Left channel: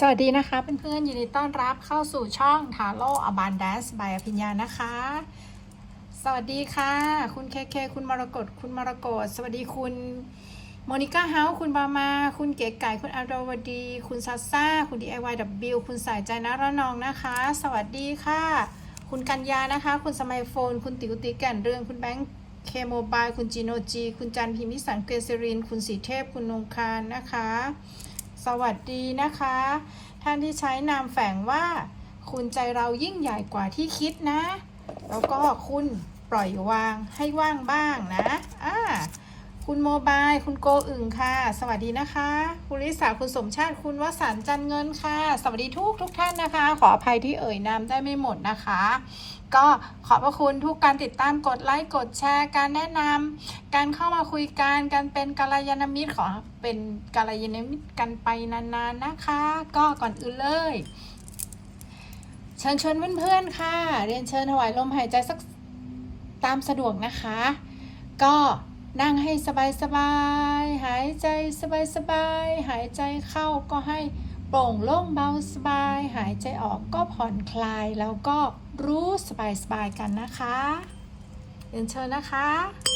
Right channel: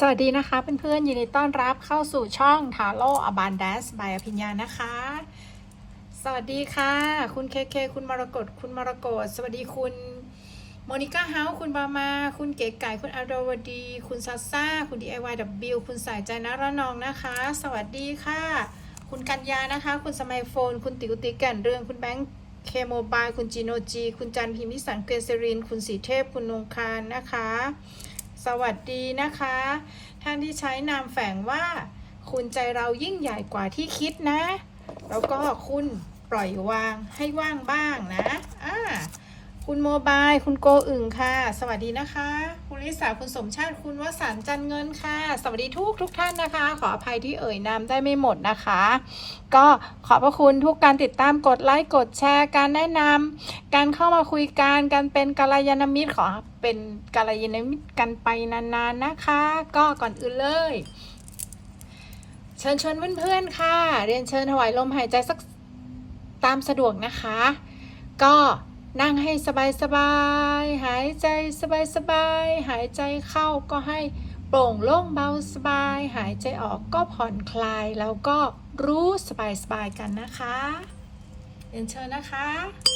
สวัสดีนะคะเพื่อนๆยินดีต้อนรับเข้าสู่ช่องทาโร่อ b บานแดสบายอภิญญานะคะ สวัสดีค่ะ คุณเคเคคุณมรกตคุณมรกตสวัสดีคุณโมนิก้าเฮาคุณบามา คุณเก๋ไก่คุณอารวดี คุณซาซ่า คุณ DIYW คุณสายใจนะระนองนะคะ สวัสดีค่ะ คุณกัญญานะคะ คุณสมัยโฟน คุณติวติแก่นเรืองคุณแบงค์เคโมบายคุณจีโนจี คุณจันพิมพิสันเกษริน คุณสีเทพคุณนงคารนะคะ สวัสดีนะคะ ท่านที่ใช้นามแฝงว่า คุณใจเรายิ่งใหญ่กว่าที่คิดนะ แล้วก็คุณปล่อยวางให้ว่างบ้างนะอ่า คุณโมบาย คุณโกอึ่งค่ะ สวัสดีนะคะ คุณลิสาคุณสมชาติ คุณวสันจันเงินค่ะ สวัสดีทุกทุกท่านนะคะ ขออภัยที่เอ่ยนามได้ไม่หมดนะคะ ก็ขอบพระคุณทุกการติดตามกดไลค์กดแชร์ การแนะนำการเข้ามาคุยกันการเป็นกัลยาณมิตรขอเป็นกัลยาณมิตรกันไปนานๆนะคะ ก็ก่อนอื่นเลยเชิญชวนเพื่อนๆค่ะ เรียนเชิญถวายลมหายใจสักตามสะดวกนะคะ ก็ นั่งให้สบายๆหายใจสบายๆหายใจเข้าก็ให้โปร่งโล่งเบาสบาย หายใจออกก็ผ่อนคลาย แล้วก็รู้สบายๆกันนะคะเรียนเชิญนะคะ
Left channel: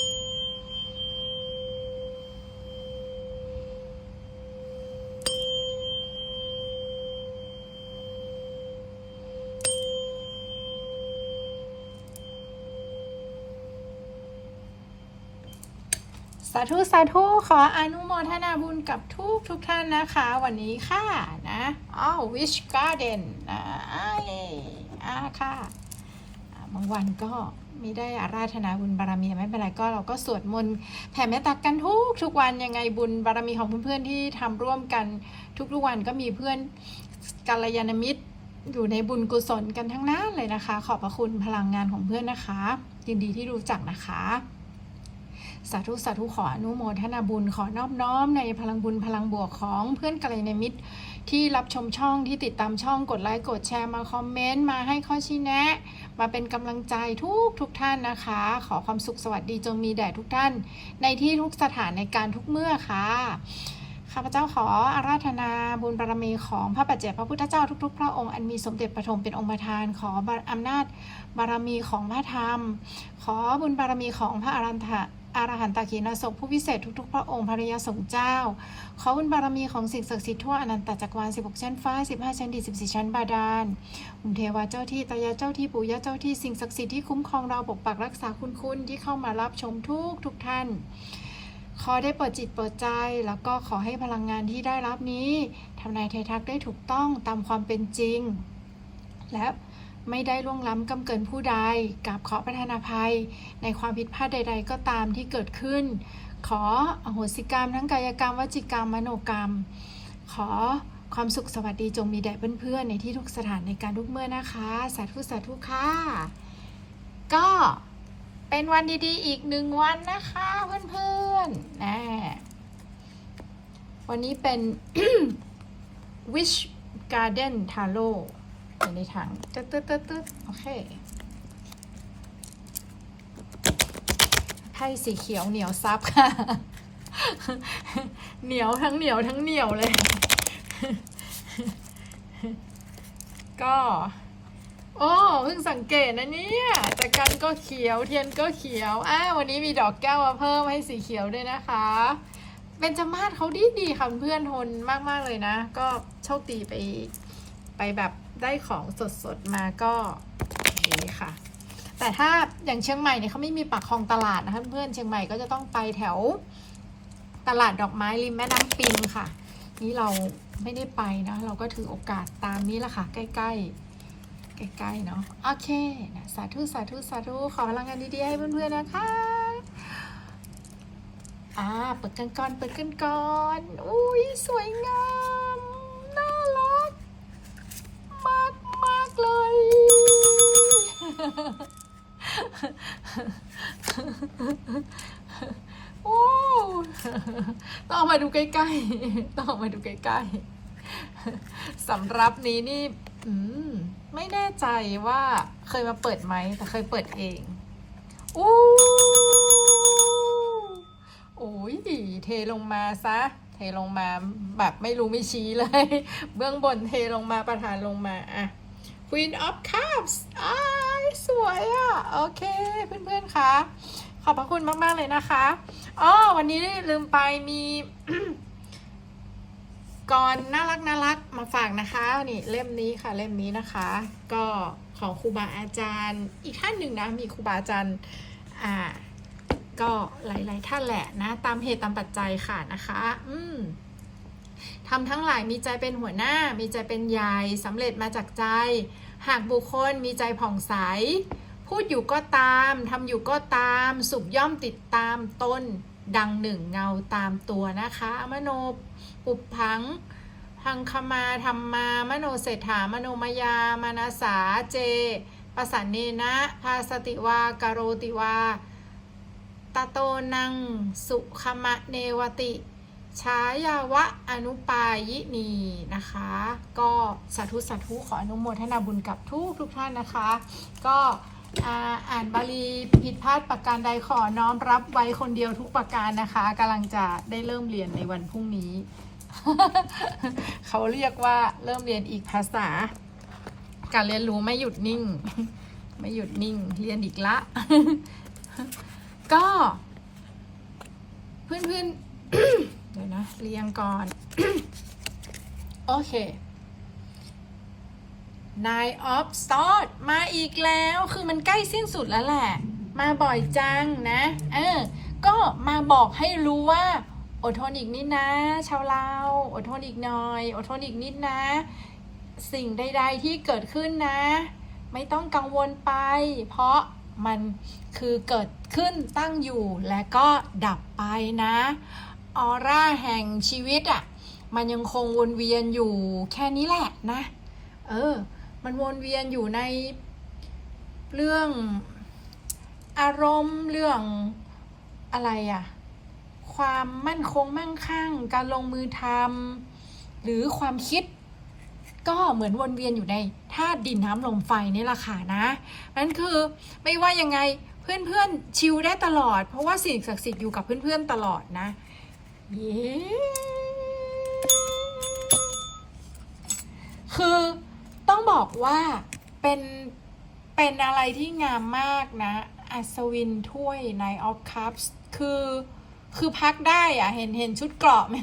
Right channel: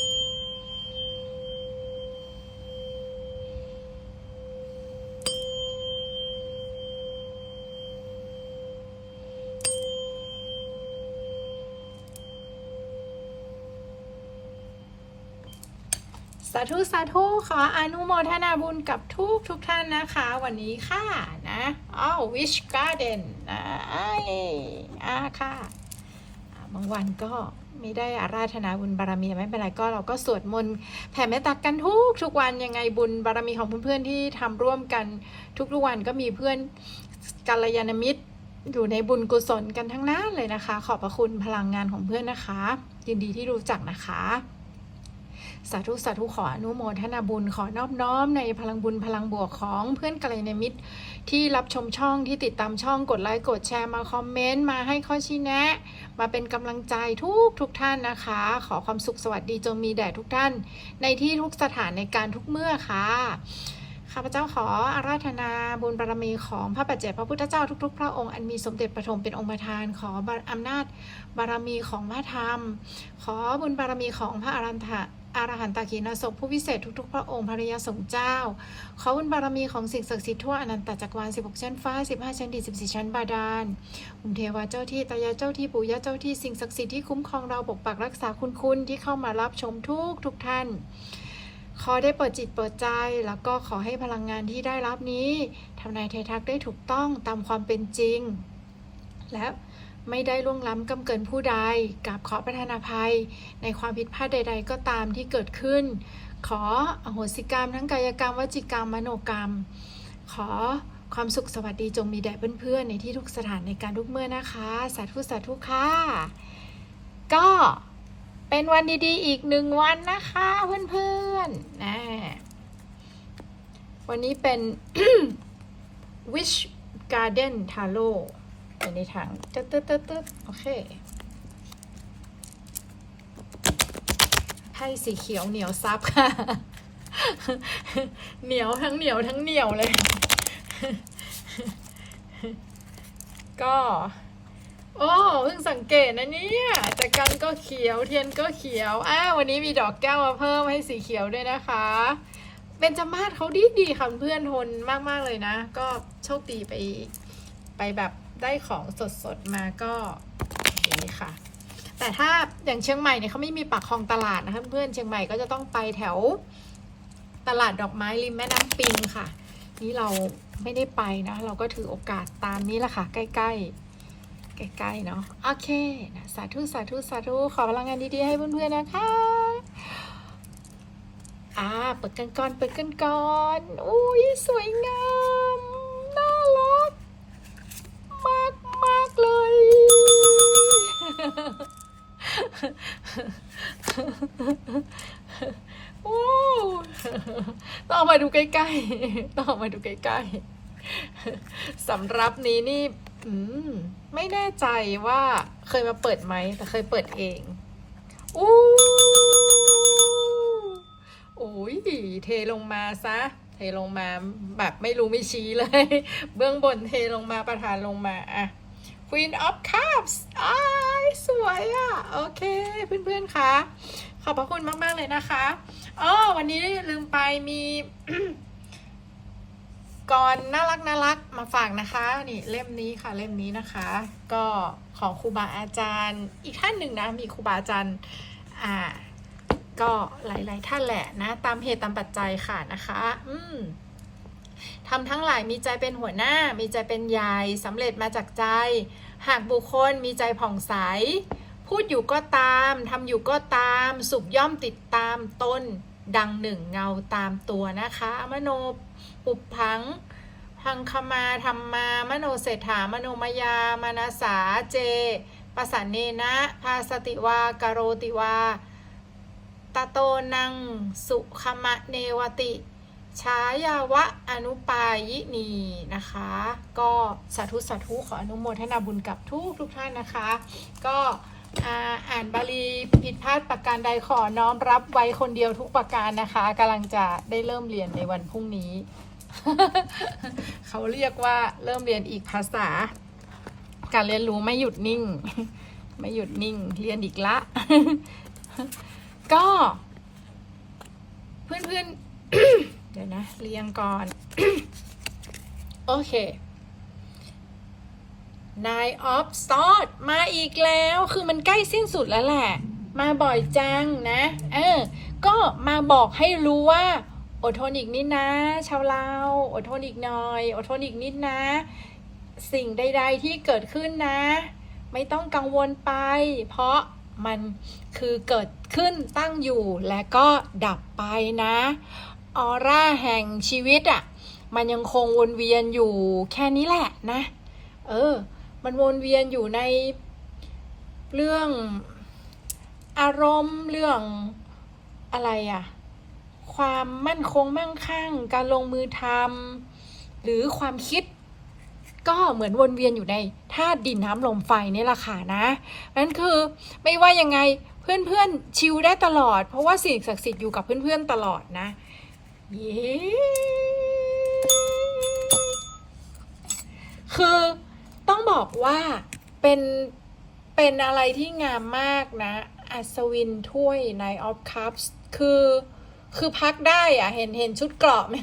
สาธุสาธุขออนุโมทนาบุญกับทุกทุกท่านนะคะ วันนี้ค่ะนะอ้าว Wish Garden นะอ้ายอ่าค่ะบางวันก็ไม่ได้อาราธนาบุญบารมีไม่เป็นไรก็เราก็สวดมนต์แผ่เมตตากันทุกทุกวันยังไงบุญบารมีของเพื่อนๆที่ทำร่วมกันทุกๆวันก็มีเพื่อนกัลยาณมิตรอยู่ในบุญกุศลกันทั้งนั้นเลยนะคะ ขอบพระคุณพลังงานของเพื่อนนะคะ ยินดีที่รู้จักนะคะ สาธุสาธุขออนุโมทนาบุญขอนอบน้อมในพลังบุญพลังบวกของเพื่อนกัลยาณมิตร ที่รับชมช่องที่ติดตามช่องกดไลค์กดแชร์มาคอมเมนต์มาให้ข้อชี้แนะ มาเป็นกำลังใจทุกทุกท่านนะคะ ขอความสุขสวัสดีจงมีแด่ทุกท่าน ในที่ทุกสถานในการทุกเมื่อค่ะข้าพเจ้าขออาราธนาบุญบารมีของพระปัจเจกพระพุทธเจ้าทุกๆ พระองค์อันมีสมเด็จปฐมเป็นองค์ประธานขออำนาจบารมีของพระธรรม ขอบุญบารมีของพระอรันตะ อรหันตขีณาสพผู้วิเศษทุกๆ พระองค์ภริยาสงฆ์เจ้า ขอบุญบารมีของสิ่งศักดิ์สิทธิ์ทั่วอนันตจักรวาล 16 ชั้นฟ้า 15 ชั้นดิน14 ชั้นบาดาลองค์เทวาเจ้าที่ตายาเจ้าที่ปู่ย่าเจ้าที่สิ่งศักดิ์สิทธิ์ที่คุ้มครองเราปกปักรักษาคุณคุณที่เข้ามารับชมทุกทุกท่าน ขอได้เปิดจิตเปิดใจ แล้วก็ขอให้พลังงานที่ได้รับนี้ทำนายไททักได้ถูกต้องตามความเป็นจริง และ ไม่ได้ล่วงล้ำกำเกินผู้ใดกับขอประทานอภัย ในความผิดพลาดใด ๆ ก็ตามที่เกิดขึ้น ขออโหสิกรรมทั้งกายกรรมวจิกรรมมโนกรรม ขอความสุขสวัสดีจงมีแด่เพื่อนๆในที่ทุกสถานในการทุกเมื่อนะคะ สาธุสาธุค่ะก็เป็นวันดีๆ อีกหนึ่งวันนะคะเพื่อนๆนะวันนี้เป็น Wish Garden Tarot อยู่ในถังตึ๊ดตึ๊ดตึ๊ดตึ๊ดโอเคไพ่สีเขียวเหนียวซับค่ะ เหนียวทั้งเหนียวทั้งเหนียวเลย ก็โอ้เพิ่งสังเกตนะเนี่ยแต่กันก็เขียวเทียนก็เขียวอ่าวันนี้มีดอกแก้วมาเพิ่มให้สีเขียวด้วยนะคะเบญจมาศเขาดีดีค่ะเพื่อนทนมาก ๆ เลยนะ ก็โชคดีไปไปแบบ ได้ของสดๆมาก็ดีค่ะ แต่ถ้าอย่างเชียงใหม่เนี่ยเขาไม่มีปากคลองตลาดนะคะเพื่อนเชียงใหม่ก็จะต้องไปแถวตลาดดอกไม้ริมแม่น้ำปิงค่ะ นี่เราไม่ได้ไปนะ เราก็ถือโอกาสตามนี้แหละค่ะ ใกล้ๆใกล้ๆเนาะโอเคนะสาธุสาธุสาธุขอพลังงานดีๆให้เพื่อนๆนะคะอ่าเปิดกันก่อนเปิดกันก่อนอุ้ยสวยงามน่ารัก มากมากเลย โอ้ต้องมาดูใกล้ๆ ต้องมาดูใกล้ๆสำรับนี้นี่อืมไม่แน่ใจว่าเคยมาเปิดไหม แต่เคยเปิดเองอู้โอ้ยเทลงมาซะ ทลงมาแบบไม่รู้ไม่ชี้เลย เบื้องบนเทลงมาประธานลงมาอะ Queen of Cups อ้ายสวยอะ่ะ โอเค เพื่อนๆคะขอบพระคุณมาก ๆ เลยนะคะอ๋อวันนี้ลืมไปมีกรน่ารักน่ารักมาฝากนะคะ นี่เล่มนี้ค่ะเล่มนี้นะคะ ก็ของครูบาอาจารย์ อีกท่านหนึ่งนะ มีครูบาอาจารย์ อ่า ก็หลาย ๆ ท่านแหละนะ ตามเหตุตามปัจจัยค่ะนะคะ อืมทำทั้งหลายมีใจเป็นหัวหน้า มีใจเป็นใหญ่สำเร็จมาจากใจ หากบุคคลมีใจผ่องใส พูดอยู่ก็ตามทำอยู่ก็ตาม สุขย่อมติดตามต้น ดังหนึ่งเงาตามตัวนะคะมโนปุบพังพังคมาธรรมามโนเศรษฐามโนมยามนาสาเจปสันเนนะ ภาสติวากโรติวา ตะโตนังสุขมะเนวติชายาวะอนุปายินีนะคะ ก็สาธุสาธุขออนุโมทนาบุญกับทุกทุกท่านนะคะ ก็อ่าอ่านบาลีผิดพลาดประการใดขอน้อมรับไว้คนเดียวทุกประการนะคะกำลังจะได้เริ่มเรียนในวันพรุ่งนี้ เขาเรียกว่าเริ่มเรียนอีกภาษา การเรียนรู้ไม่หยุดนิ่ง ไม่หยุดนิ่ง เรียนอีกละ ก็ เพื่อนๆ เดี๋ยวนะ เรียงก่อน โอเค Nine of Swords มาอีกแล้วคือมันใกล้สิ้นสุดแล้วแหละ มาบ่อยจังนะ เออ ก็มาบอกให้รู้ว่า อดทนอีกนิดนะ ชาวเราอดทนอีกหน่อย อดทนอีกนิดนะ สิ่งใด ๆที่เกิดขึ้นนะ ไม่ต้องกังวลไป เพราะ มันคือเกิดขึ้นตั้งอยู่และก็ดับไปนะออร่าแห่งชีวิตอะ่ะมันยังคงวนเวียนอยู่แค่นี้แหละนะ เออ มันวนเวียนอยู่ในเรื่องอารมณ์เรื่องอะไรอะ่ะความมั่นคงมั่งคั่ง การลงมือทำหรือความคิด ก็เหมือนวนเวียนอยู่ในธาตุดินน้ำลมไฟนี่แหละค่ะนะนั่นคือไม่ว่ายังไงเพื่อนๆชิลได้ตลอด เพราะว่าสิ่งศักดิ์สิทธิ์อยู่กับเพื่อนๆตลอดนะเย้คือต้องบอกว่าเป็นเป็นอะไรที่งามมากนะ อัศวินถ้วยในออฟคัพส์คือ คือพักได้อะเห็นเห็นชุดเกราะไหม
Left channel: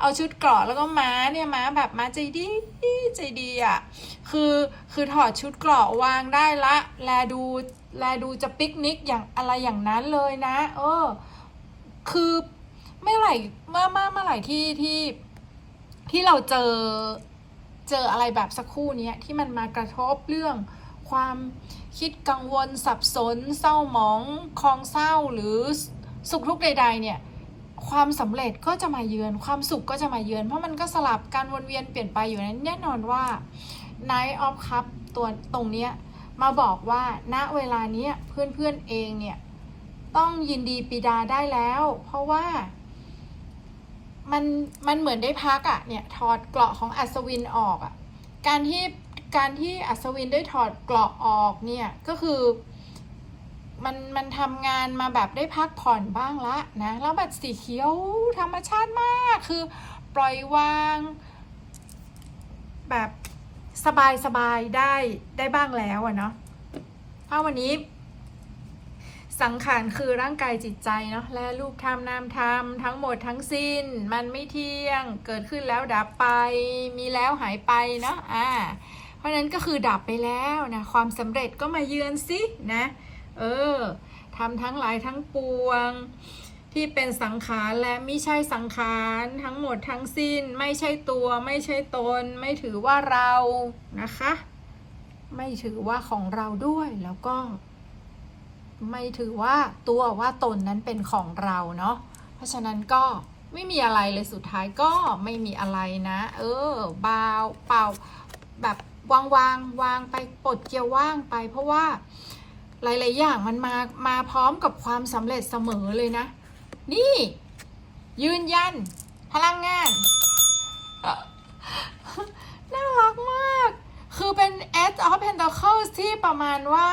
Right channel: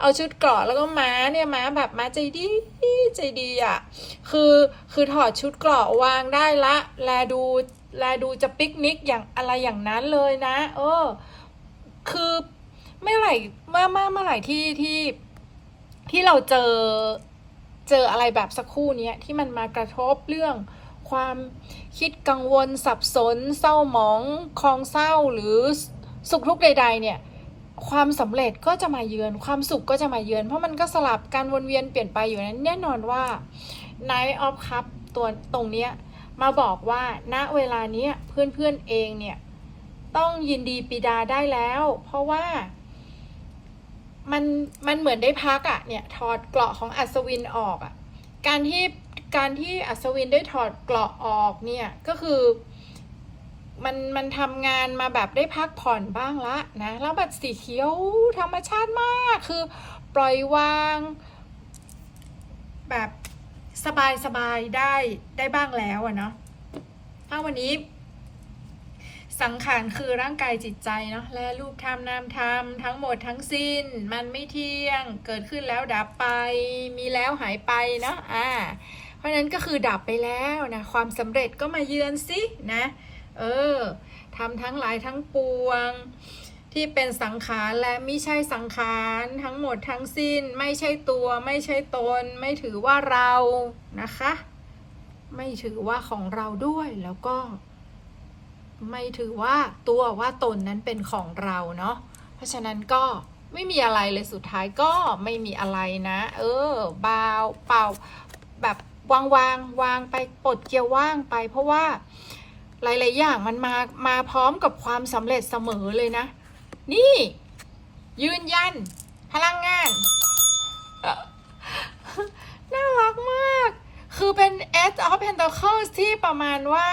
เอาชุดเกราะแล้วก็ม้าเนี่ยม้าแบบม้าใจดีใจดีอะคือคือถอดชุดเกราะวางได้ละแลดูแลดูจะปิกนิกอย่างอะไรอย่างนั้นเลยนะ เออ คือเมื่อไหร่เมื่อเมื่อเมื่อไหร่ที่ที่ที่เราเจอเจออะไรแบบสักครู่เนี้ยที่มันมากระทบเรื่องความคิดกังวลสับสน เศร้าหมองคลองเศร้าหรือ สุขทุกข์ใด ๆ เนี่ยความสำเร็จก็จะมาเยือน ความสุขก็จะมาเยือน เพราะมันก็สลับการวนเวียนเปลี่ยนไปอยู่นั้นแน่นอนว่า Night of Cup ตัวตรงเนี้ยมาบอกว่าณเวลาเนี้ยเพื่อนๆเองเนี่ย ต้องยินดีปีดาได้แล้ว เพราะว่า มันมันเหมือนได้พักอะ่ะเนี่ยถอดเกราะของอัศวินออกอะ่ะการที่การที่อัศวินได้ถอดเกราะออกเนี่ยก็คือ มันมันทำงานมาแบบได้พักผ่อนบ้างละนะแล้วแบบสีเขียวธรรมชาติมากคือปล่อยวาง แบบสบายสบายได้ได้บ้างแล้วอะเนาะถ้าวันนี้ สังขารคือร่างกายจิตใจเนาะและรูปธรรมนามธรรมทั้งหมดทั้งสิ้น มันไม่เที่ยงเกิดขึ้นแล้วดับไป มีแล้วหายไปเนาะอ่า เพราะฉะนั้นก็คือดับไปแล้วนะความสำเร็จก็มาเยือนสินะ เออทำทั้งหลายทั้งปวง ที่เป็นสังขารและไม่ใช่สังขารทั้งหมดทั้งสิ้น ไม่ใช่ตัว ไม่ใช่ตน ไม่ถือว่าเรานะคะ ไม่ถือว่าของเราด้วยแล้วก็ ไม่ถือว่าตัวว่าตนนั้นเป็นของเราเนาะเพราะฉะนั้นก็ไม่มีอะไรเลยสุดท้ายก็ไม่มีอะไรนะ เออเบาเปล่าแบบวางวางวางไปปลดเกียร์ว่างไปเพราะว่า หลาย ๆ อย่างมันมามาพร้อมกับความสำเร็จเสมอเลยนะ นี่ ยืนยัน พลังงานน่ารักมาก คือเป็น Edge of Pentacles ที่ประมาณว่า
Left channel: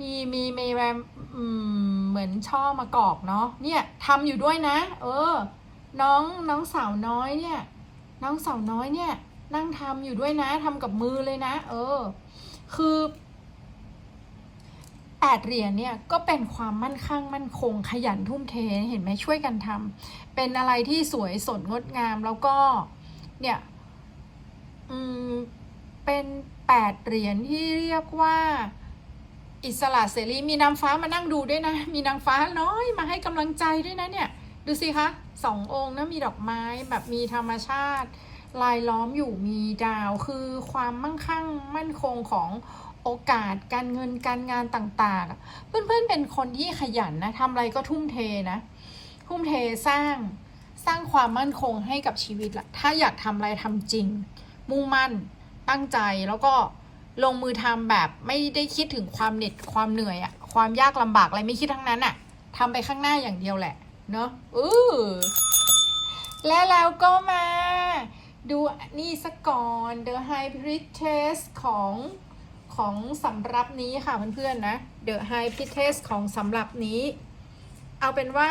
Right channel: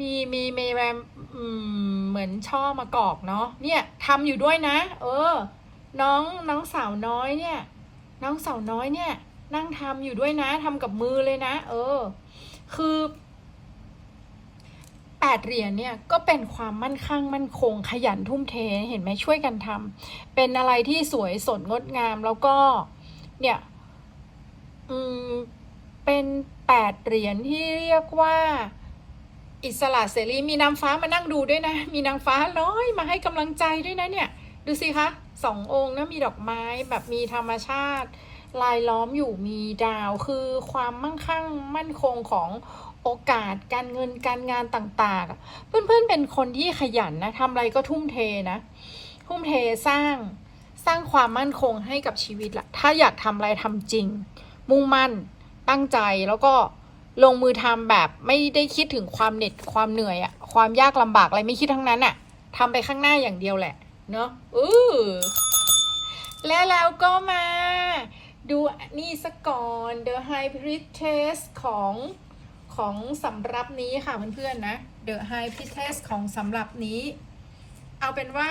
มีมีมีแบบอืมเหมือนช่อมากอกเนาะเนี่ยทำอยู่ด้วยนะ เออ น้องน้องสาวน้อยเนี่ย น้องสาวน้อยเนี่ย นั่งทำอยู่ด้วยนะทำกับมือเลยนะ เออ คือ แปดเหรียญเนี่ยก็เป็นความมั่นคงมั่นคงขยันทุ่มเทเห็นไหมช่วยกันทำเป็นอะไรที่สวยสดงดงามแล้วก็เนี่ยอืมเป็นแปดเหรียญที่เรียกว่าอิสระเสรีมีนางฟ้ามานั่งดูด้วยนะ มีนางฟ้าน้อยมาให้กำลังใจด้วยนะเนี่ย ดูสิคะสององค์นะมีดอกไม้แบบมีธรรมชาติ ลายล้อมอยู่มีดาวคือความมั่งคั่งมั่นคงของ โอกาสการเงินการงานต่างๆ เพื่อนๆเป็นคนที่ขยันนะทำอะไรก็ทุ่มเทนะ ทุ่มเทสร้างสร้างความมั่นคงให้กับชีวิตละถ้าอยากทำอะไรทำจริง มุ่งมั่นตั้งใจแล้วก็ลงมือทำแบบไม่ได้คิดถึงความเหน็ดความเหนื่อยอะความยากลำบากอะไรไม่คิดทั้งนั้นอะทำไปข้างหน้าอย่างเดียวแหละ เนอะอือและแล้วก็มา ดูนี่สักก่อน The High Priestess ของ ของสำรับนี้ค่ะเพื่อนๆนะ The High Priestess ของสำหรับนี้ เอาเป็นว่า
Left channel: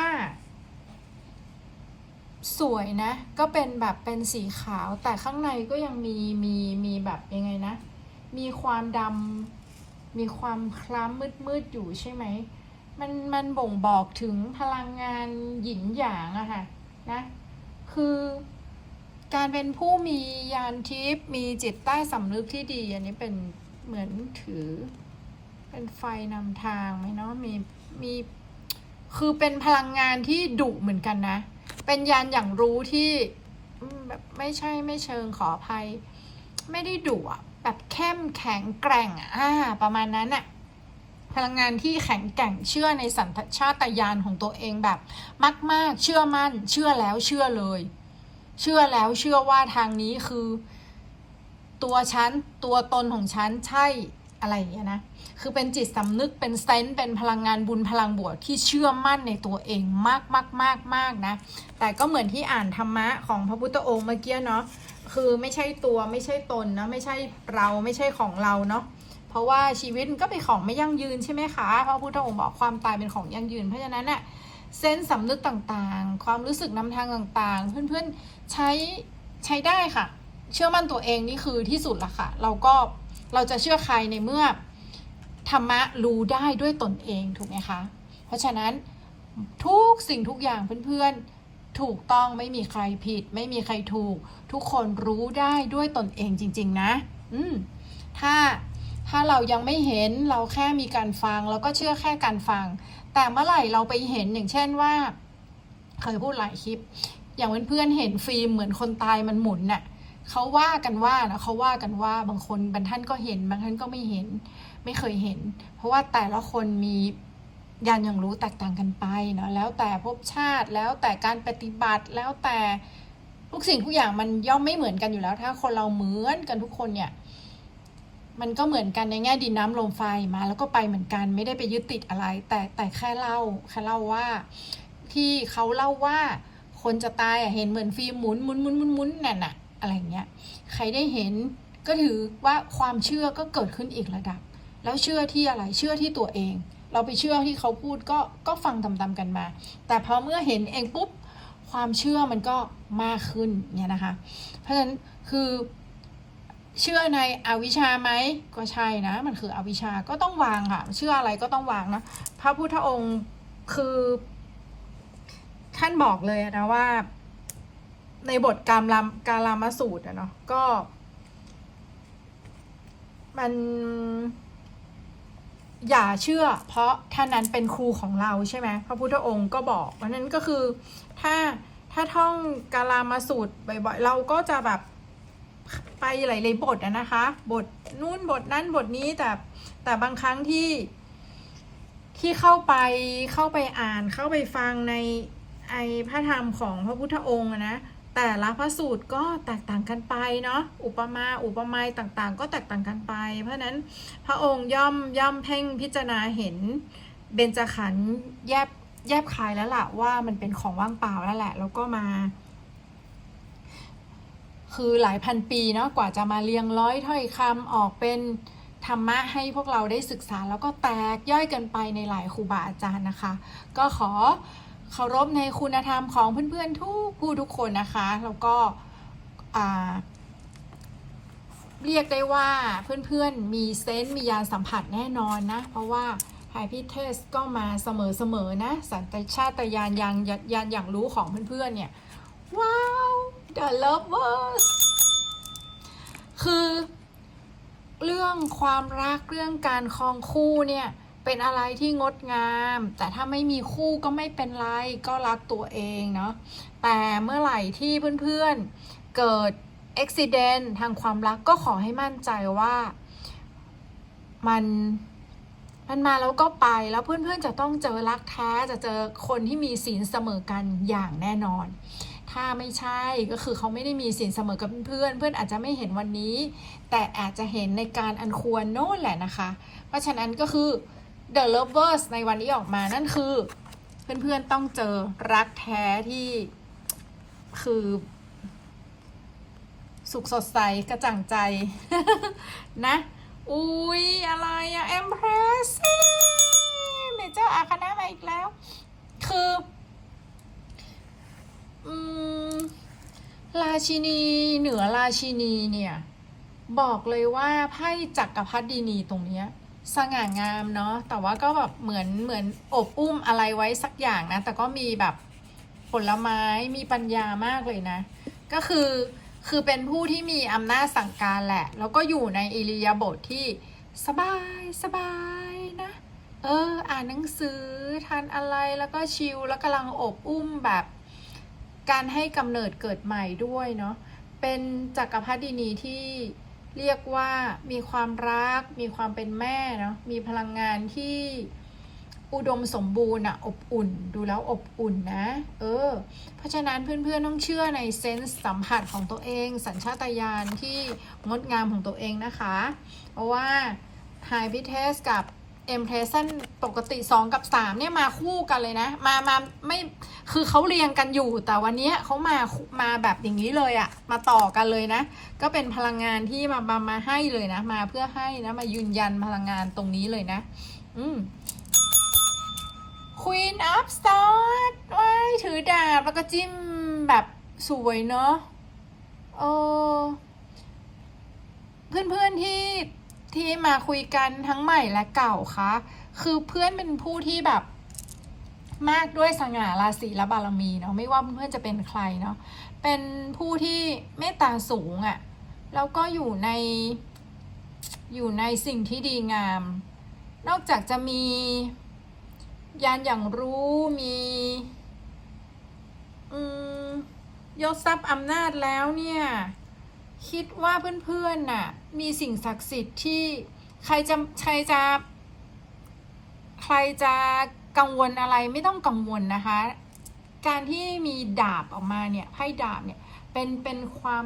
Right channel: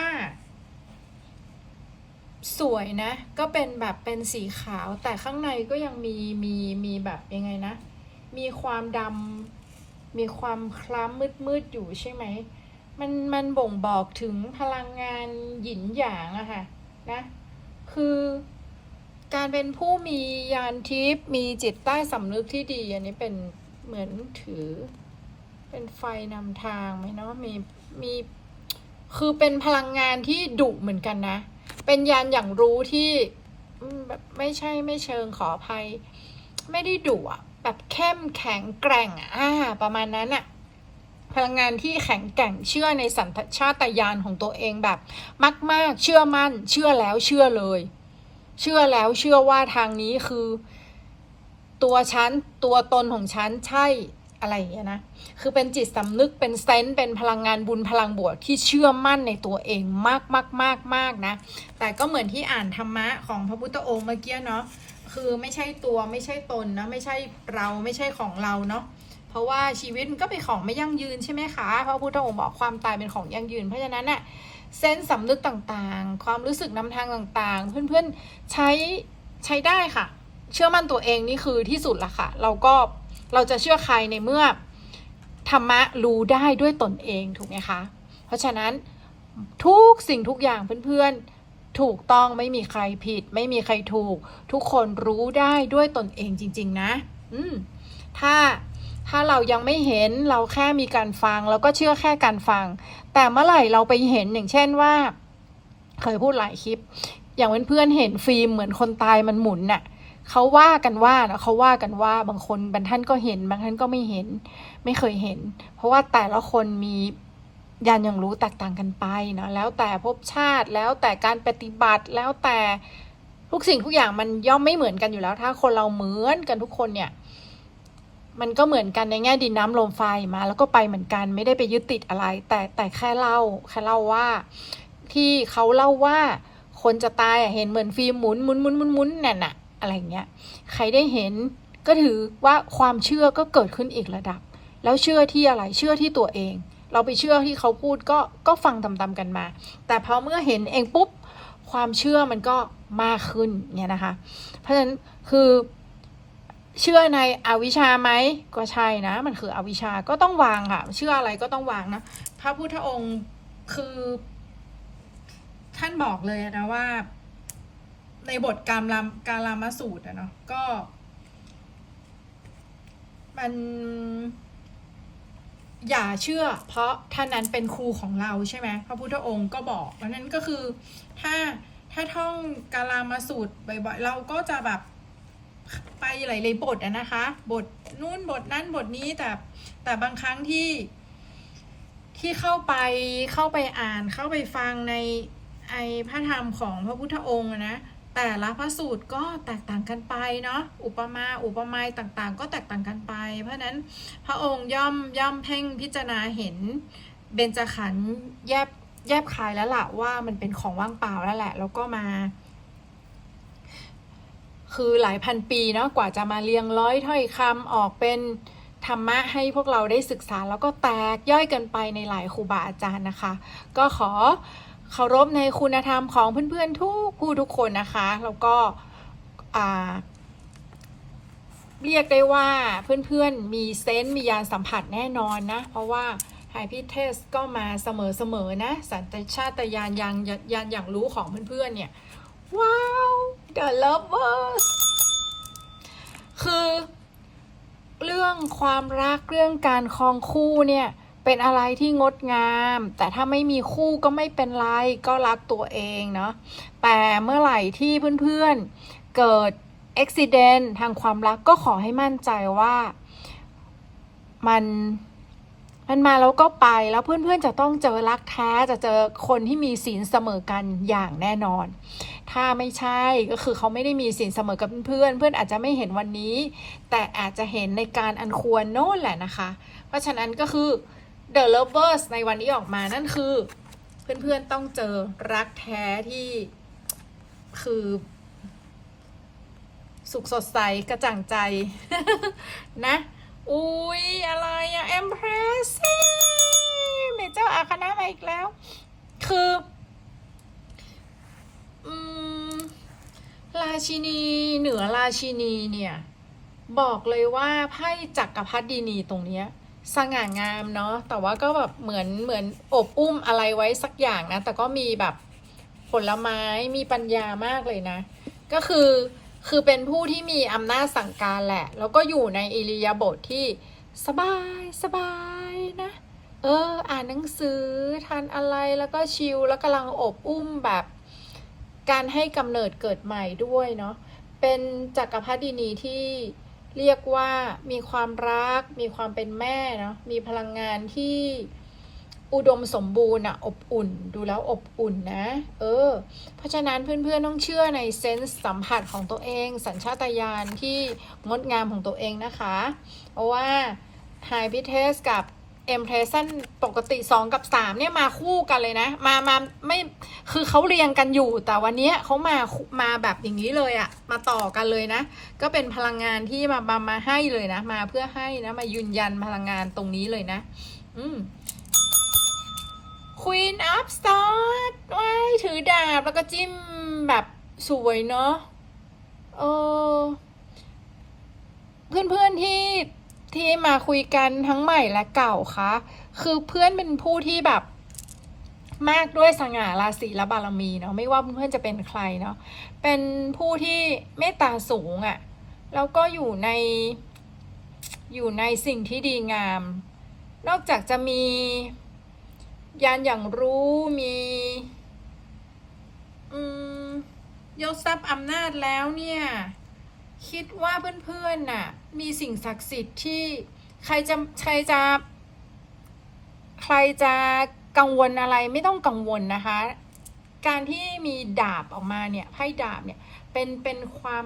สวยนะ ก็เป็นแบบเป็นสีขาวแต่ข้างในก็ยังมีมีมีแบบยังไงนะ มีความดำมีความคล้ำมืดมืดๆอยู่ใช่ไหมมันมันบ่งบอกถึงพลังงานหยินหยางอะค่ะนะคือการเป็นผู้มียานทิพย์มีจิตใต้สำนึกที่ดี อันนี้เป็น เหมือนถือ เป็นไฟนำทางไหมเนาะมีมีคือเป็นพลังงานที่ดุเหมือนกันนะ เป็นยานอย่างรู้ที่แบบไม่ใช่ไม่เชิงขออภัย ไม่ได้ดุอะแบบเข้มแข็งแกร่งอะอ่าประมาณนั้นอะพลังงานที่แข็งแกร่งเชื่อในสัญชาตญาณของตัวเองแบบ มาก ๆ เชื่อมั่น เชื่อแล้วเชื่อเลย เชื่อแล้วเชื่อว่าทางนี้คือ ตัวฉันตัวตนของฉันใช่อะไรอย่างเงี้ยนะ คือเป็นจิตสำนึกเป็นเซนส์เป็นพลังงานบุญพลังบวกที่เชื่อมั่นในตัวเองมากมากมากมากนะ แต่ก็เหมือนที่อ่านธรรมะของพระพุทธองค์เมื่อกี้เนาะ คือไม่ใช่ตัวไม่ใช่ตนนะไม่ใช่เราไม่ใช่ของเราเนาะ เพราะว่าชีวิตมันก็เป็นของไม่ยั่งยืนใช่ไหมคะ พระพุทธองค์บอกความตายเป็นของยั่งยืน เพราะฉะนั้นเน่ะเส้นสำนึกต่างๆ ความรู้สึกนำทางต่างๆ เพื่อนๆใช้ใช้ได้ค่ะ เชื่อมั่นตัวเองนี่คือที่สุดละค่ะ เราก็เราจะเชื่อใครในเมื่อธรรมะรู้ได้ด้วยตนเองถูกไหมคะ เพราะฉะนั้นทุกสิ่งทุกอย่างเพื่อนๆ ถูกต้องไม่มีใครผิด ไม่มีใครถูก ทุกคนรู้ได้ด้วยตนเองจริง ๆ นะ อืมถ้าถ้าเรายังไม่เห็นเราแค่มีการฟังเราก็เชื่อแค่การฟัง แต่เมื่อไหร่เราไปเห็นอย่างเช่นว่า เคยพูดหลายคลิป อย่างเพื่อนๆเห็นฟิล์มเหมือนคนตายมันหมุนน่ะ เขาว่ากันว่านะเขาว่ากันว่าบางคนบางท่านก็เห็น บางท่านก็ไม่เห็น ไม่เคยเห็น เพราะว่าแต่ละคนมียานอย่างรู้แตกต่างกันไปเนาะแล้วแต่ภพชาติแล้วแต่การปฏิบัติแล้วแต่ทุกสิ่งทุกอย่างมันย่อมไม่เหมือนกันอยู่แล้ว ถ้าคนเราเหมือนกันทุกคนเนี่ย มันก็เหมือนกันในแง่ดินน้ำลมไฟมา แล้วก็ไปเหมือนกันไม่ได้ไปยึดติดอะไร แต่แต่แค่เล่าแค่เล่าว่า ที่เขาเล่าว่า คนจะตายเห็นเหมือนฟิล์มหมุนหมุนหมุนหมุนหมุนนั่นน่ะ อะไรเงี้ยใครได้เห็นก็ถือว่าความเชื่อก็เกิดขึ้นอีกระดับ แล้วเชื่อที่อะไรเชื่อที่ตัวเอง เราไปเชื่อที่เขาพูดก็ก็ฟังตามๆกันมา แต่พอเมื่อเห็นเองปุ๊บความเชื่อมันก็มากขึ้นเนี่ยนะคะ เพราะฉะนั้นคือเชื่อในอวิชชาไหมก็ใช่นะ มันคืออวิชชาก็ต้องวางค่ะ เชื่ออะไรก็ต้องวางนะพระพุทธองค์คือท่านบอกเลยนะว่า ในบทกามรามกาลามสูตรอะเนาะก็ มัน อย่าเชื่อ เพราะท่านนั้นเป็นครูของเราใช่ไหมพระพุทธองค์ก็บอกเพราะนั้นก็คือถ้าถ้าท่องกาลามาสูตรบ่อยๆเราก็จะแบบไปหลายๆบทอะนะคะ บทนู่นบทนั้นบทนี้แต่แต่บางครั้งที่ที่เข้าไปเข้าไปอ่านเข้าไปฟังในไอพระธรรมของพระพุทธองค์นะ แต่ละพระสูตรก็แตกต่างกันไปเนาะอุปมาอุปไมยต่างๆ ก็แตกต่างกันไป เพราะนั้นพระองค์ย่อมย่อมเพ่งพิจารณาเห็นเบญจขันธ์แยบแยบคายแล้วล่ะว่ามันเป็นของว่างเปล่าแล้วแหละ แล้วก็มา คือหลายพันปีเนาะกว่าจะมาเรียงร้อยถ้อยคำออกเป็นธรรมะให้พวกเราได้ศึกษาแล้วก็แตกย่อยกันไปในหลายครูบาอาจารย์นะคะ ก็ขอ เคารพในคุณธรรมของเพื่อนๆทุกผู้ทุกคนนะคะ แล้วก็เรียกได้ว่าเพื่อนๆมีเซนต์มียานสัมผัสแน่นอนนะ เพราะว่าไฮพิเทสก็มาเสมอๆนะ สัญชาตญาณยังยานอย่างรู้ของเพื่อนๆเนี่ย ว้าว The Lovers คือเรื่องความรักเรื่องการครองคู่เนี่ย เป็นอะไรที่งดงาม แต่ถ้าไม่มีคู่ก็ไม่เป็นไร ก็รักตัวเองเนาะ แต่เมื่อไหร่ที่เพื่อนๆเกิดอุบิเหตุทางความรักก็ขอให้มั่นใจว่ามันมันมาแล้วก็ไปแล้วเพื่อนๆจะต้องเจอรักแท้จะเจอคนที่มีศีลเสมอกันอย่างแน่นอน ถ้าไม่ใช่ก็คือเขาไม่ได้มีศีลเสมอกับเพื่อนเพื่อนอาจจะไม่เห็นวันนี้ แต่อาจจะเห็นในการอันควรโน่นแหละนะคะ เพราะฉะนั้นก็คือ The Lovers ในวันนี้ออกมานั่นคือ เพื่อนๆต้องเจอรักแท้ที่คือ สุขสดใสกระจ่างใจ นะ อุ้ยอะไรอะเอ็มเพรสเมเจ้าอาคณะมาอีกแล้ว คืออืมราชินีเหนือราชินีเนี่ย บอกเลยว่าไพ่จักรพรรดินีตรงเนี้ย สง่างามเนาะแต่ว่าก็แบบเหมือนเหมือนอบอุ้มอะไรไว้สักอย่างนะ แต่ก็มีแบบผลไม้มีปัญญามากเลยนะ ก็คือคือเป็นผู้ที่มีอำนาจสั่งการแหละ แล้วก็อยู่ในอิริยาบถทที่สบายสบายนะ เออ อ่านหนังสือทานอะไรแล้วก็ชิลแล้วกำลังอบอุ้มแบบ การให้กำเนิดเกิดใหม่ด้วยเนาะเป็นจักรพรรดินีที่ เรียกว่ามีความรัก มีความเป็นแม่เนาะมีพลังงานที่อุดมสมบูรณ์อะอบอุ่น ดูแล้วอบอุ่นนะ เออ เพราะฉะนั้นเพื่อนๆต้องเชื่อในเซนส์สัมผัสของตัวเอง สัญชาตญาณที่งดงามของตัวเองนะคะ เพราะว่า High p i t e s กับ M p r e s s i o n ปกติ 2 กับ 3 เนี่ยมาคู่กันเลยนะ มามาไม่คือเขาเรียงกันอยู่แต่วันนี้เขามามาแบบอย่างนี้เลยอะมาต่อกันเลยนะ ก็เป็นพลังงานที่มามามาให้เลยนะ มาเพื่อให้นะมายืนยันพลังงานตรงนี้เลยนะ อืม Queen of Swords ว้ายถือดาบแล้วก็จิ้มแบบสวยเนาะเออ เพื่อนๆที่ ที่มาคุยกันทั้งใหม่และเก่าคะคือเพื่อนเป็นผู้ที่แบบมากด้วยสง่าราศีและบารมีเนาะไม่ว่าเพื่อนจะเป็นใครเนาะเป็นผู้ที่เมตตาสูงอะ่ะแล้วก็อยู่ในอยู่ในสิ่งที่ดีงาม นอกจากจะมียานอย่างรู้มีอืมยศทรัพย์อำนาจแล้วเนี่ย คิดว่าเพื่อนๆน่ะ มีสิ่งศักดิ์สิทธิ์ที่ใครจะใครจะ ใครจะกังวลอะไรไม่ต้องกังวลนะคะ การที่มีดาบออกมาเนี่ยไพ่ดาบเนี่ยเป็นเป็นความ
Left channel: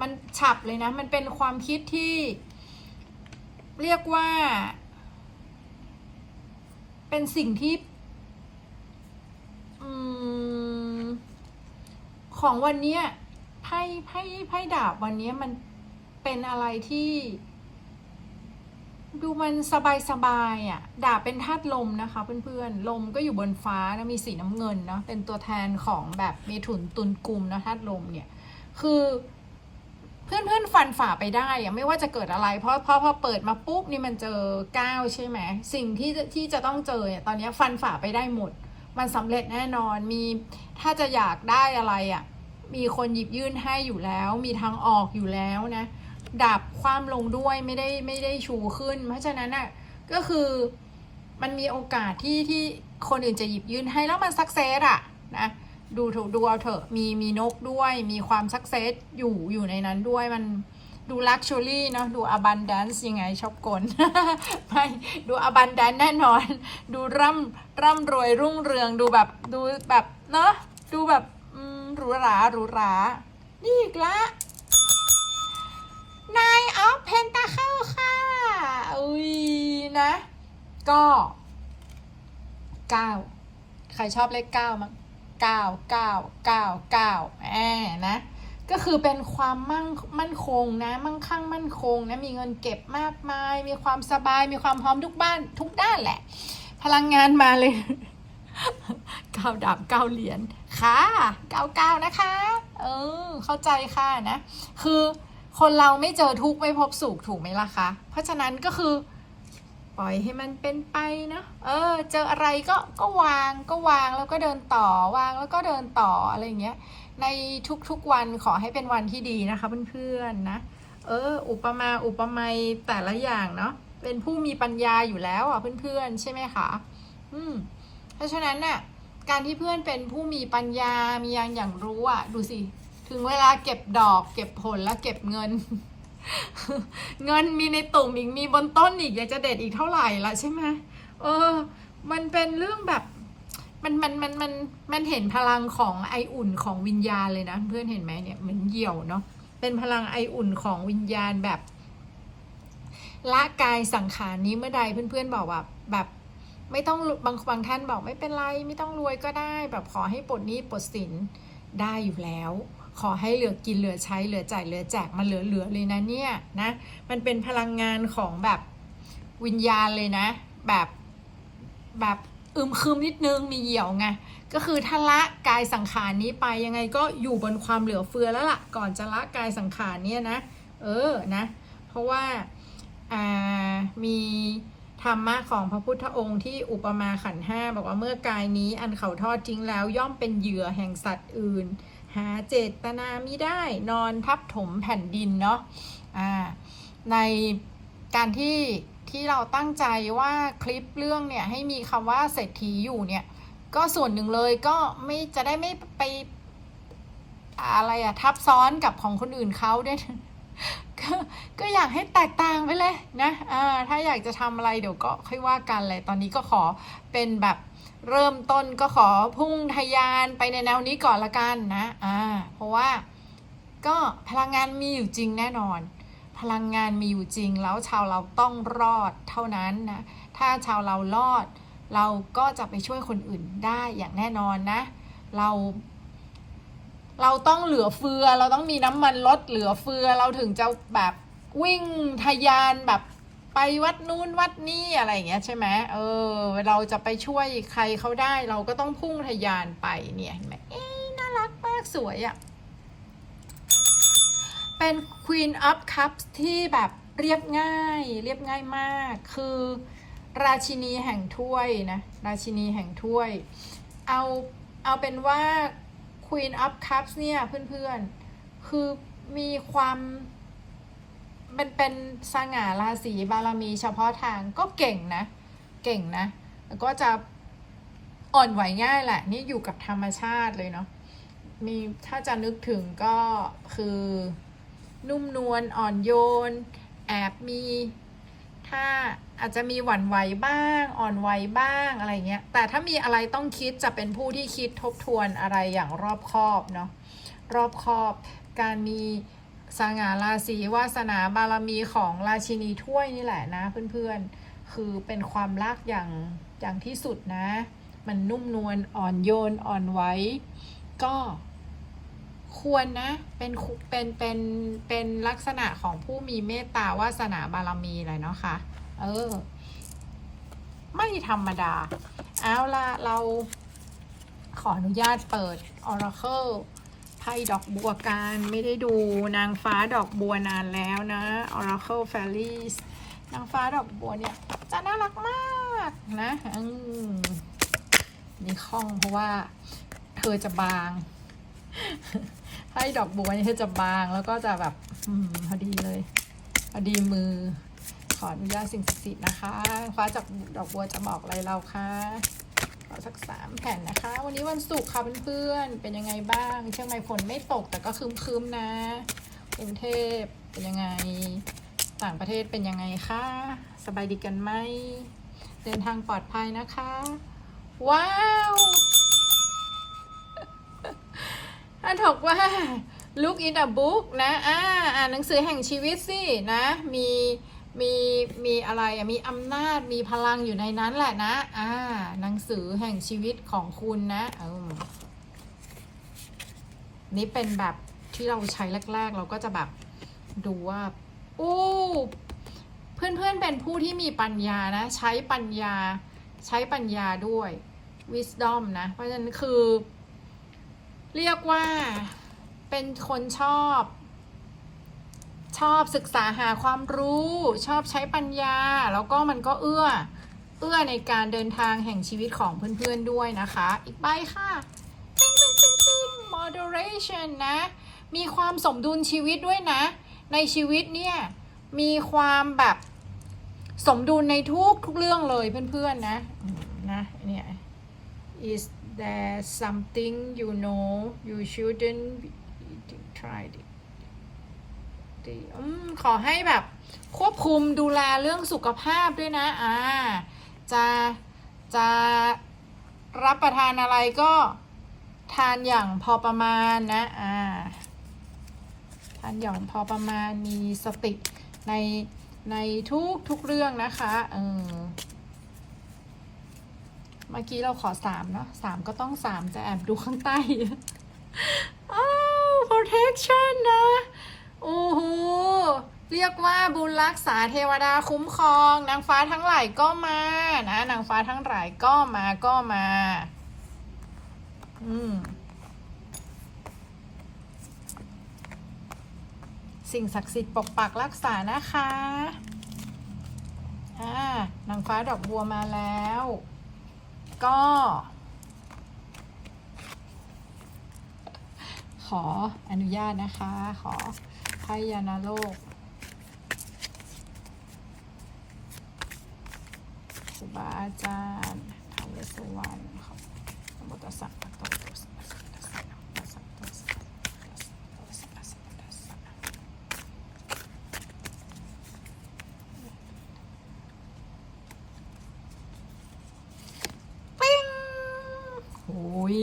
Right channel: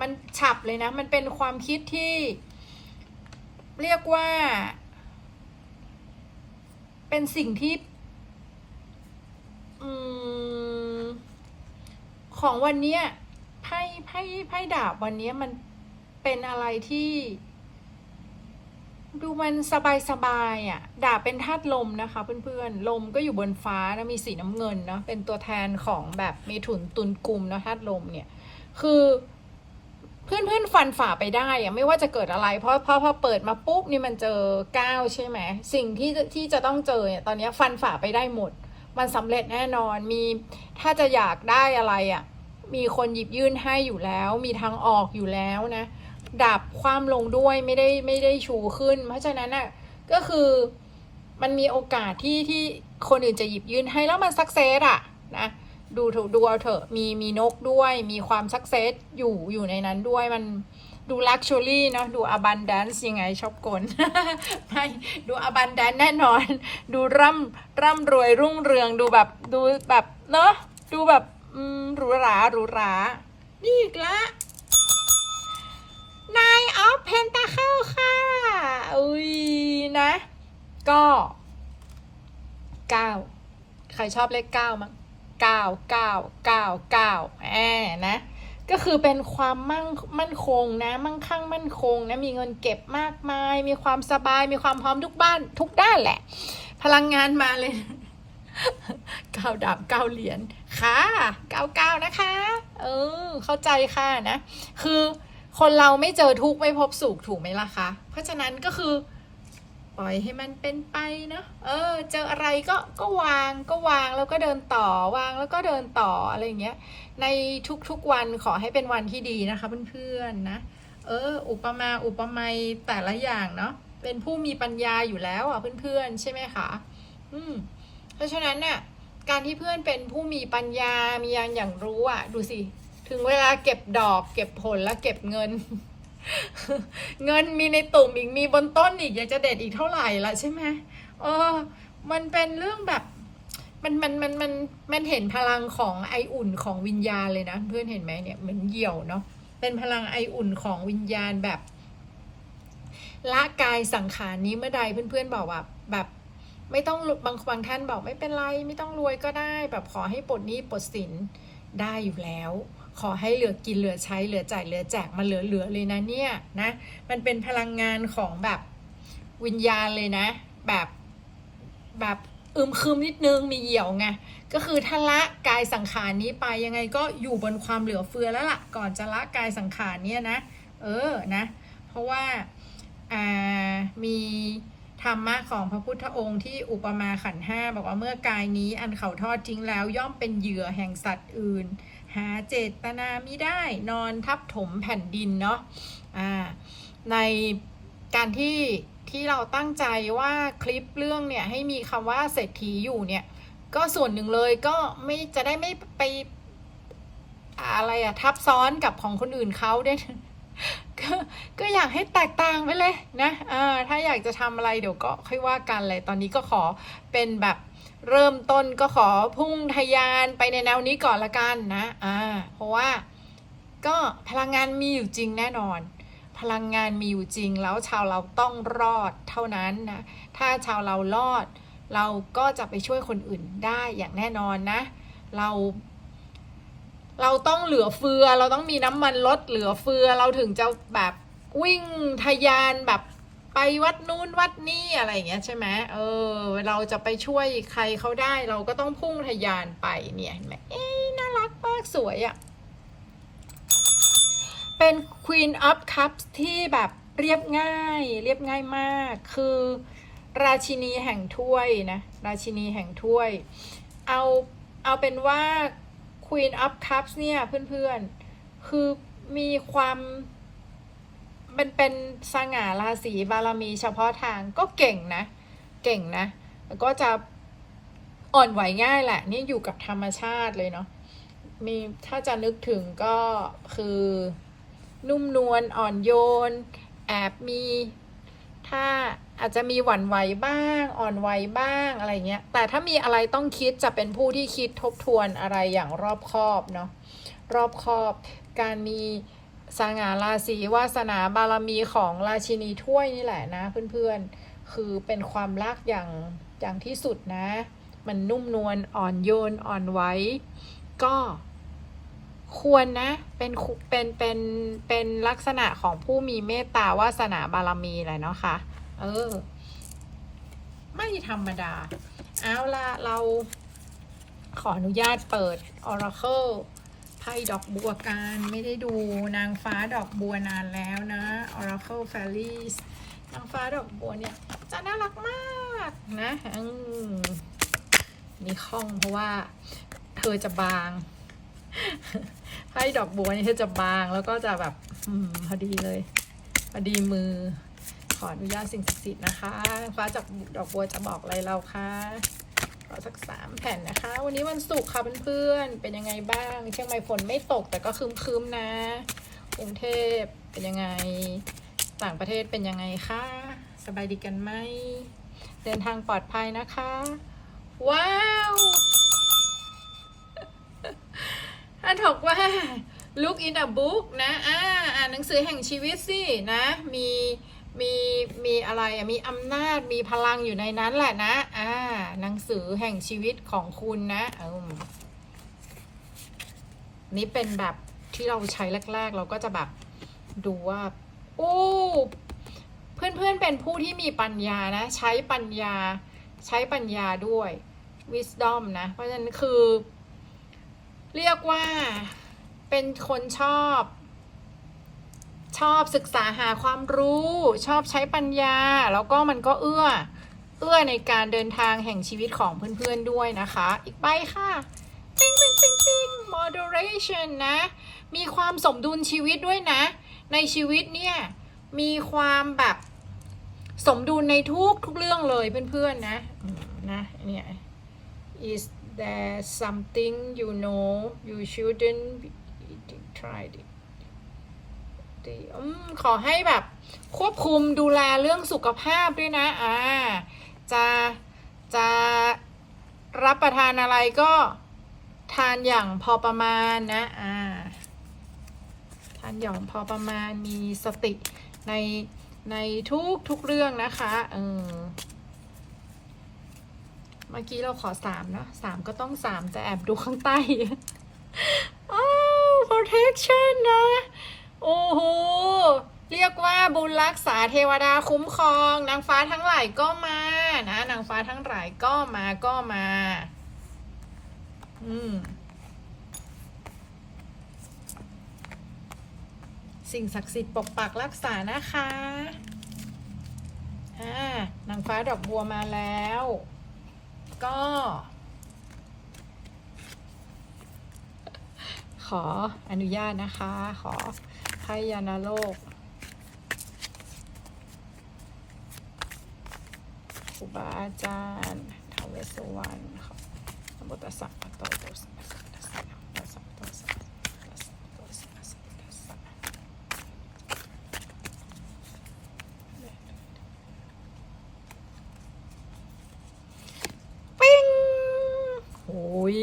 มันฉับเลยนะ มันเป็นความคิดที่ เรียกว่า เป็นสิ่งที่อของวันเนี้ย ไพ่ไพ่ไพ่ดาบวันนี้มันเป็นอะไรที่ ดูมันสบายสบายอะ ดาบเป็นธาตุลมนะคะเพื่อนๆ ลมก็อยู่บนฟ้านะมีสีน้ำเงินเนาะเป็นตัวแทนของแบบเมถุนตุลกลุ่มนะธาตุลมเนี่ย คือเพื่อนเพื่อนฟันฝ่าไปได้อะไม่ว่าจะเกิดอะไร เพราะพราะพอเปิดมาปุ๊บนี่มันเจอก้าวใช่ไหมสิ่งที่ที่จะต้องเจอเนี่ยตอนนี้ฟันฝ่าไปได้หมด มันสำเร็จแน่นอนมีถ้าจะอยากได้อะไรอะ มีคนหยิบยื่นให้อยู่แล้ว มีทางออกอยู่แล้วนะ ดับความลงด้วยไม่ได้ไม่ได้ชูขึ้น เพราะฉะนั้นน่ะก็คือมันมีโอกาสที่ที่คนอื่นจะหยิบยื่นให้แล้วมันสักเซสอะนะดูถูกดูเอาเถอะมีมีนกด้วย มีความสักเซสอยู่อยู่ในนั้นด้วยมันดูลักชัวรี่เนาะดูอบันด c e ยังไงชอบกลไม่ดูอบันด c e แน่นอน ดูร่ำร่ำรวยรุ่งเรืองดูแบบดูแบบเนาะดูแบบ อืมหรูหราหรูหรานี่อีกละ Nine of Pentacle ค่ะ อุ้ยนะ ก็เก้าใครชอบเลขเก้ามั้งเก้าเก้าเก้าเก้าแอนะ ก็คือเป็นความมั่งมั่นคงนะ มั่งคั่งมั่นคงนะ มีเงินเก็บมากมาย มีความสบาย มีความพร้อมทุกบ้านทุกด้านแหละ พลังงานมาเลย เก้าดาบเก้าเหรียญค่ะเก้าเก้านะคะ เออ เข้าใจค่ะนะ คือคนเราไม่เจอทุกข์ไม่พบสุขถูกไหมล่ะคะ เพราะฉะนั้นก็คือ ปล่อยให้มันเป็นไปเนาะเออ เจออะไรก็ก็วางก็วางแล้วก็เดินต่อวางแล้วก็เดินต่ออะไรอย่างเงี้ย ในทุกๆวันขอให้เป็นวันที่ดีนะคะเพื่อนๆนะเออ อุปมาอุปไมยแต่ละอย่างเนาะเป็นผู้มีปัญญาอยู่แล้วอะเพื่อนๆ ใช่ไหมคะ อืม เพราะฉะนั้นน่ะการที่เพื่อนเป็นผู้มีปัญญา มีอย่านอย่างรู้อะ ดูสิ ถึงเวลาเก็บดอกเก็บผลแล้วเก็บเงิน เงินมีในตุ่มอีกมีบนต้นอีกอยากจะเด็ดอีกเท่าไหร่ละใช่ไหมเออ มันเป็นเรื่องแบบมันมันมันมันมันเห็นพลังของไออุ่นของวิญญาณเลยนะ เพื่อนเห็นไหมเนี่ยเหมือนเหี่ยวเนาะเป็นพลังไออุ่นของวิญญาณแบบละกายสังขารนี้เมื่อใดเพื่อนๆบอกว่าแบบ ไม่ต้องบางบางท่านบอกไม่เป็นไรไม่ต้องรวยก็ได้ แบบขอให้ปลดหนี้ปลดสินได้อยู่แล้ว ขอให้เหลือกินเหลือใช้เหลือจ่ายเหลือแจกมันเหลือเหลือเลยนะเนี่ยนะมันเป็นพลังงานของแบบวิญญาณเลยนะ แบบแบบอึมครึมนิดนึงมีเหี่ยวไงก็คือถ้าละกายสังขารนี้ไปยังไงก็อยู่บนความเหลือเฟือแล้วล่ะก่อนจะละกายสังขารเนี่ยนะ เออนะ เพราะว่าอ่ามี รรมะของพระพุทธองค์ที่อุปมาขันห้าบอกว่าเมื่อกายนี้อันเขาทอดทิ้งแล้วย่อมเป็นเหยื่อแห่งสัตว์อื่น หาเจตนามิได้นอนทับถมแผ่นดินเนาะอ่าในการที่ที่เราตั้งใจว่าคลิปเรื่องเนี่ยให้มีคำว่าเศรษฐีอยู่เนี่ยก็ส่วนหนึ่งเลยก็ไม่จะได้ไม่ไปอะไรอะทับซ้อนกับของคนอื่นเขาด้ ก็ก็อยากให้แตกต่างไปเลยนะอ่าถ้าอยากจะทำอะไรเดี๋ยวก็ค่อยว่ากันเลยตอนนี้ก็ขอเป็นแบบเริ่มต้นก็ขอพุ่งทะยานไปในแนวนี้ก่อนละกันนะอ่าเพราะว่าก็พลังงานมีอยู่จริงแน่นอน พลังงานมีอยู่จริงแล้วชาวเราต้องรอดเท่านั้นนะถ้าชาวเรารอด เราก็จะไปช่วยคนอื่นได้อย่างแน่นอนนะ เรา เราต้องเหลือเฟือ เราต้องมีน้ำมันลดเหลือเฟือ เราถึงจะแบบวิ่งทะยานแบบไปวัดนู้นวัดนี่อะไรอย่างเงี้ยใช่ไหมเออ เราจะไปช่วยใครเขาได้ เราก็ต้องพุ่งทะยานไปเนี่ยเห็นไหมเอ๊น่ารักมากสวยอะ่ะ เป็น Queen of Cups ที่แบบเรียบง่าย เรียบง่ายมาก คือราชินีแห่งถ้วยนะ ราชินีแห่งถ้วย เอาเอาเป็นว่า Queen of Cups เนี่ยเพื่อนๆ คือมีความมันเป็นสง่าราศีบารมีเฉพาะทางก็เก่งนะ เก่งนะแล้วก็จะอ่อนไหวง่ายแหละ นี่อยู่กับธรรมชาติเลยเนาะมีถ้าจะนึกถึงก็คือนุ่มนวลอ่อนโยน แอบมี ถ้าอาจจะมีหวั่นไหวบ้าง อ่อนไหวบ้างอะไรเงี้ย แต่ถ้ามีอะไรต้องคิดจะเป็นผู้ที่คิดทบทวนอะไรอย่างรอบคอบเนาะ รอบคอบ การมีสง่าราศีวาสนาบารมีของราชินีถ้วยนี่แหละนะเพื่อนๆ คือเป็นความรักอย่างอย่างที่สุดนะ มันนุ่มนวลอ่อนโยนอ่อนไหวก็ ควรนะเป็นเป็นเป็นเป็นลักษณะของผู้มีเมตตาวาสนาบารมีเลยเนาะคะ่ะ เออ ไม่ธรรมดา เอาละเราขออนุญาตเปิด Oracle ไพ่ดอกบัวการไม่ได้ดูนางฟ้าดอกบัวนานแล้วนะ Oracle Fairies นางฟ้าดอกบัวเนี่ย จะน่ารักมากนะอืมมีข้องเพราะว่า เธอจะบาง ไพ่ดอกบัวนี่เธอจะบางแล้วก็จะแบบอพอดีเลย พอดีมือ ขออนุญาตสิ่งศักดิ์สิทธิ์นะคะฟ้าจากดอกบัวจะบอกอะไรเราคะขอสักสามแผ่นนะคะ วันนี้วันศุกร์ค่ะเพื่อนๆเป็นยังไงบ้าง เชียงใหม่ฝนไม่ตกแต่ก็คืมๆนะกรุงเทพเป็นยังไง ต่างประเทศเป็นยังไงคะสบายดีกันไหมเดินทางปลอดภัยนะคะ ว้าว ถ้าถกว่า look in a book นะอ่าอ่านหนังสือแห่งชีวิตสินะ มีมีมีอะไรมีอำนาจมีพลังอยู่ในนั้นแหละนะ อ่า หนังสือแห่งชีวิตของคุณนะเออนี่เป็นแบบที่เราใช้แรก ๆ เราก็จะแบบดูว่าโอ้เพื่อนๆเป็นผู้ที่มีปัญญานะ ใช้ปัญญาใช้ปัญญาด้วย wisdom นะ เพราะฉะนั้นคือ เรียกว่าเป็นคนชอบ ชอบศึกษาหาความรู้ ชอบใช้ปัญญา แล้วก็มันก็เอื้อ เอื้อในการเดินทางแห่งชีวิตของเพื่อนๆด้วยนะคะ อีกใบค่ะปิ๊งปิ๊งปิ๊งปิ๊ง moderation นะ มีความสมดุลชีวิตด้วยนะ ในชีวิตเนี่ย มีความแบบสมดุลในทุกทุกเรื่องเลยเพื่อนๆนะนะเนี่ย is there something you know you shouldn't be eating try it ดีขอให้แบบควบคุมดูแลเรื่องสุขภาพด้วยนะ อ่า จะจะรับประทานอะไรก็ทานอย่างพอประมาณนะ อ่า ทานอย่างพอประมาณมีสติในในทุกทุกเรื่องนะคะ เออ เมื่อกี้เราขอสามเนะสามก็ต้องสามแต่แอบดูข้างใต้อ้าว protection นะ โอ้โห เรียกว่าบุญรักษาเทวดาคุ้มครอง นางฟ้าทั้งหลายก็มานะ นางฟ้าทั้งหลายก็มาก็มา อืมสิ่งศักดิ์สิทธิ์ปกปักรักษานะคะ อ่านางฟ้าดอกบัวมาแล้ว ก็ ขออนุญาตนะคะ ขอให้ยานาโลกครูบาอาจารย์ทาวเวสวรรณขอนะโมตัสสะคะวะโตอะระหะโตสัมมาสัมพุทธัสสะนะโมตัสสะภะคะวะโตอะระหะโตสัมมาสัมพุทธัสสะ ปิ้งโอ้ย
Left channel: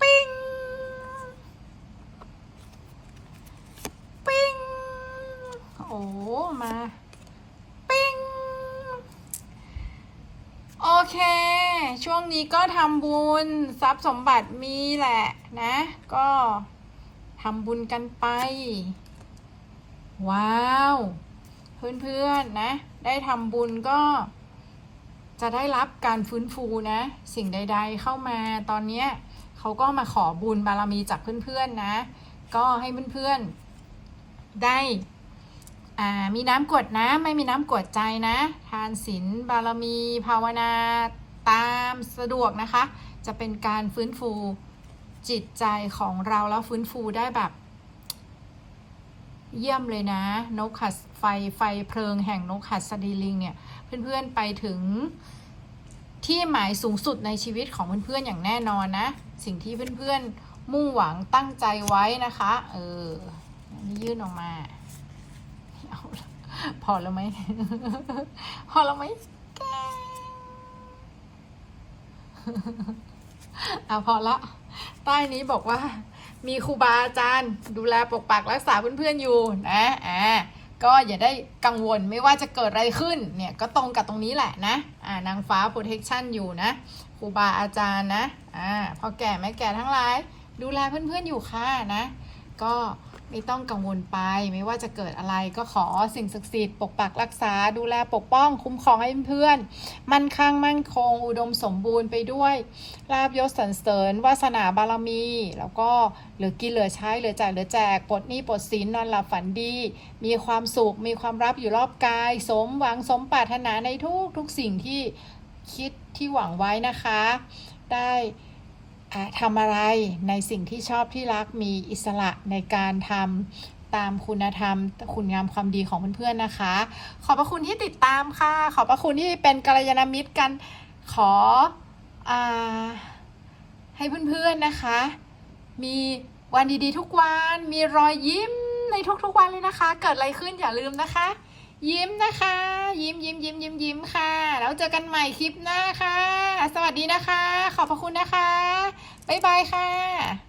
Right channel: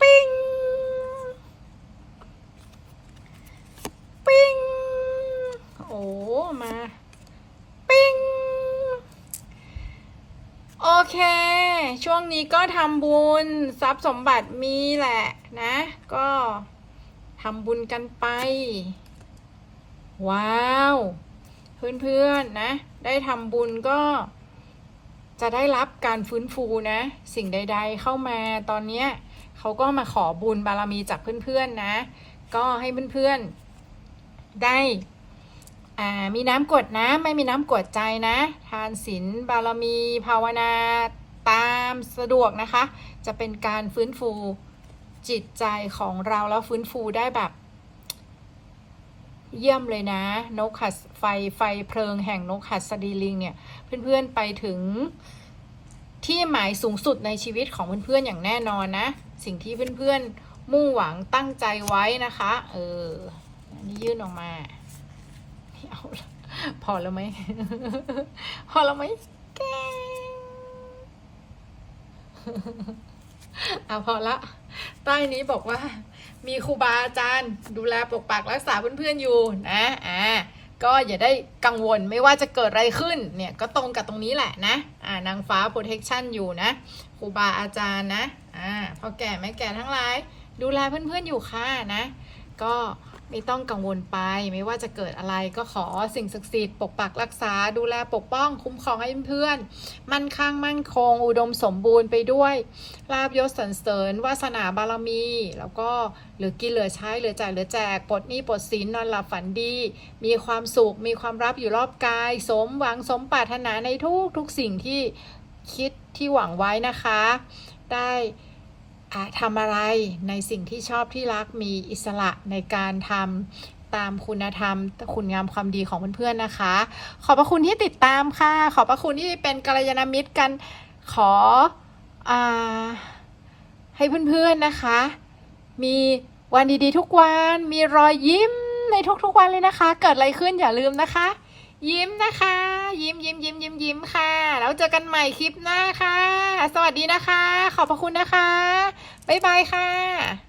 ปิ้ง ปิ้ง โอ้ มา ปิ้ง โอเค ช่วงนี้ก็ทำบุญทรัพย์สมบัติมีแหละนะ ก็ทำบุญกันไป ว้าว เพื่อนๆนะ ได้ทำบุญก็จะได้รับการฟื้นฟูนะ สิ่งใด ๆ เข้ามาตอนเนี้ยเขาก็มาขอบุญบารมีจากเพื่อนๆนะ ก็ให้เพื่อนๆได้อ่ามีน้ำกรดนะ ไม่มีน้ำกรดใจนะ ทานศีลบารมี ภาวนา ตามสะดวกนะคะ จะเป็นการฟื้นฟูจิตใจของเราแล้วฟื้นฟูได้แบบ เยี่ยมเลยนะ นกหัสไฟไฟเพลิงแห่งนกหัสดีลิงเนี่ย เพื่อนๆไปถึงที่หมายสูงสุดในชีวิตของเพื่อนๆอย่างแน่นอนนะ สิ่งที่เพื่อนๆมุ่งหวังตั้งใจไว้นะคะ เออนนี้ยื่นออกมาพอแล้วไหม พอแล้วไหมแก เอาพอละ ใต้นี้บอกว่า มีครูบาอาจารย์ ดูแลปกปักรักษาเพื่อนๆอยู่นะอ่าก็อย่าได้กังวลไม่ว่าจะเกิดอะไรขึ้นเนี่ยก็ตรงกับตรงนี้แหละนะอ่านางฟ้า protection อยู่นะครูบาอาจารย์นะอ่าพอแก่ไม่แก่ทั้งหลาย ดูแลเพื่อนๆอยู่ค่ะนะ ก็ ไม่ต้องกังวลไป ไม่ว่าจะเกิดอะไรก็ขอสิ่งศักดิ์สิทธิ์ปกปักรักษา ดูแลปกป้องคุ้มครองให้เพื่อน มั่นคงมั่นคง อุดมสมบูรณ์ไปด้วยลาบยศสรรเสริญวาสนาบารมี แล้วก็เหลือกินเหลือใช้เหลือจ่ายเหลือแจกปลดหนี้ปลดสินนอนหลับฝันดี มีความสุขมีความรับอยู่รอบกาย สมหวังสมปรารถนาในทุกทุกสิ่งที่คิดที่หวังไว้นะคะ ได้ ทำอะไรในสิ่งที่ชอบที่รักมีอิสระในการทำตามคุณธรรม คุณงามความดีของเพื่อนๆนะคะ ขอบพระคุณที่ติดตามค่ะ ขอบพระคุณที่เป็นกัลยาณมิตรกันขออให้เพื่อนๆนะคะ มีวันดีๆทุกวัน มีรอยยิ้มในทุกๆวันเลยนะคะ เกิดอะไรขึ้นอย่าลืมนะคะ ยิ้มนะคะ ยิ้มยิ้มยิ้มยิ้มยิ้มค่ะ แล้วเจอกันใหม่คลิปหน้าค่ะ สวัสดีนะคะ ขอบพระคุณนะคะ บ๊ายบายค่ะ